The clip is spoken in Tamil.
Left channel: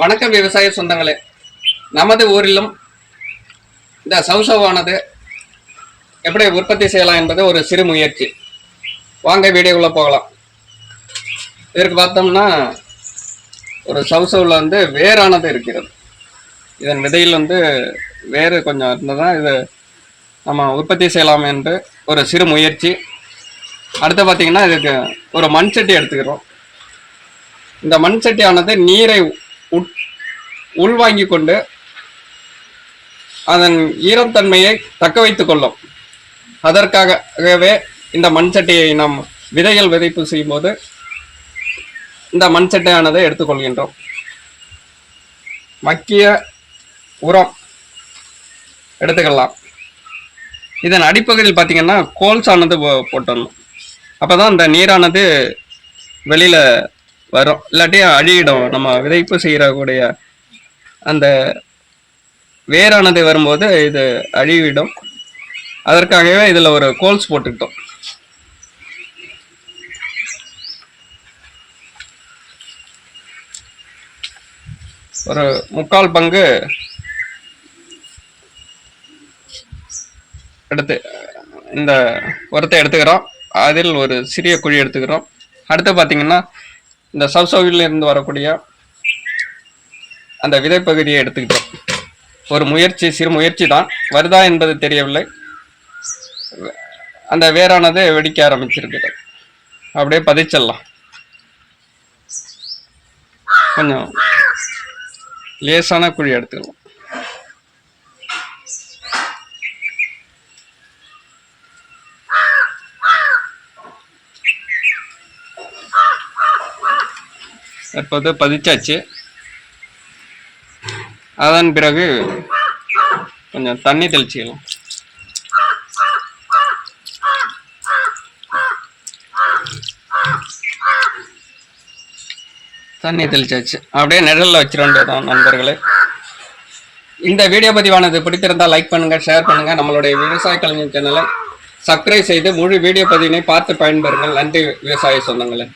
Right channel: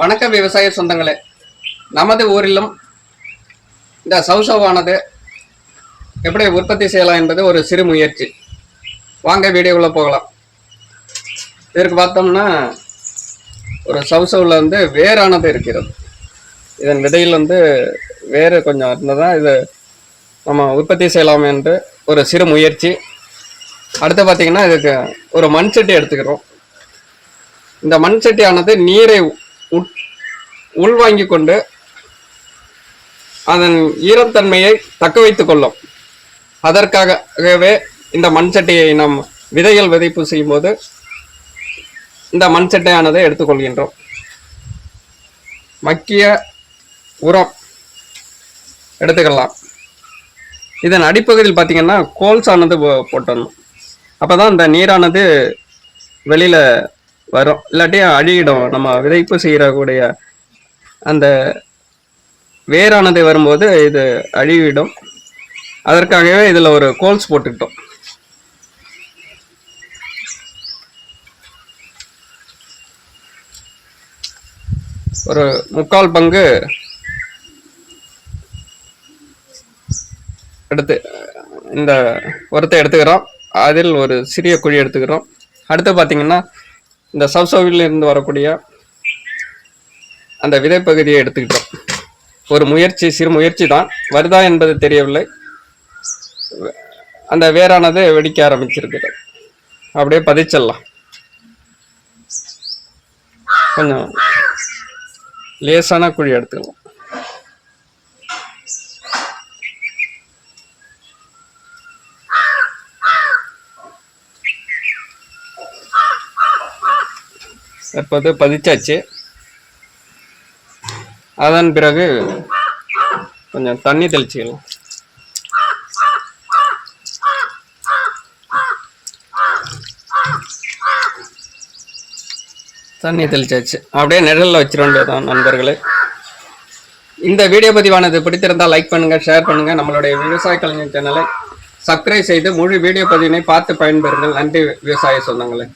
வணக்கம் விவசாய சொந்தங்களே. நமது ஊரிலும் இந்த சவுசவானது எப்படி உற்பத்தி செய்யலாம் என்பது ஒரு சிறு முயற்சி. வாங்க வீடியோவில் போகலாம். இதற்கு பார்த்தோம்னா ஒரு சவுசவில் வந்து வேரானது இருக்கிறது. இதன் விதையில் வந்து வேறு கொஞ்சம் இருந்ததுன்னா இது நம்ம உற்பத்தி செய்யலாம் என்று ஒரு சிறு முயற்சி. அடுத்து பார்த்திங்கன்னா இதுக்கு ஒரு மண் சட்டி எடுத்துக்கிறோம். இந்த மண் சட்டியானது நீரை உட் உள்வாங்கிக் கொண்டு அதன் ஈரத்தன்மையை தக்க வைத்துக் கொள்ளும். அதற்காகவே இந்த மண் சட்டியை நாம் விதைகள் விதைப்பு செய்யும்போது இந்த மண் சட்டையானதை எடுத்துக்கொள்கின்றோம் மக்கிய உரம் எடுத்துக்கலாம். இதன் அடிப்பகுதியில் பார்த்தீங்கன்னா கோல்ஸானது போ- போட்டுடணும் அப்போ தான் இந்த நீரானது வெளியில் வரும். இல்லாட்டி அழியிடும். நம்ம விதைப்பு செய்யக்கூடிய அந்த வேரானது வரும்போது இது அழிவிடும். அதற்காகவே இதில் ஒரு கோல்ஸ் போட்டுக்கிட்டோம். ஒரு முக்கால் பங்கு எடுத்து இந்த உரத்தை எடுத்துக்கிறோம். அதில் ஒரு சிறிய குழி எடுத்துக்கிறோம். அடுத்து பார்த்தீங்கன்னா இந்த சவ்சவில் இருந்து வரக்கூடிய அந்த விதைப்பகுதியை எடுத்துக்கிட்டோம். ஒரு முயற்சி சிறு முயற்சி தான். வருதா என்பது தெரியவில்லை. அந்த வேரானது வெடிக்க ஆரம்பிச்சிருக்குது. அப்படியே பதிச்சிடலாம் கொஞ்சம் லேசான குழி எடுத்துக்கலாம். இப்போது பதிச்சாச்சு. அதன் பிறகு கொஞ்சம் தண்ணி தெளிச்சிக்கலாம். தண்ணி தெளிச்சாச்சு. அப்படியே நிழலில் வச்சிட வேண்டியதுதான் நண்பர்களே. இந்த வீடியோ பதிவானது பிடித்திருந்தால் லைக் பண்ணுங்கள் ஷேர் பண்ணுங்கள் நம்மளுடைய விவசாய கலைஞர் சேனலை சப்ஸ்கிரைப் செய்து முழு வீடியோ பதிவினை பார்த்து பயன்பெறுங்கள். நன்றி விவசாய சொந்தங்களே.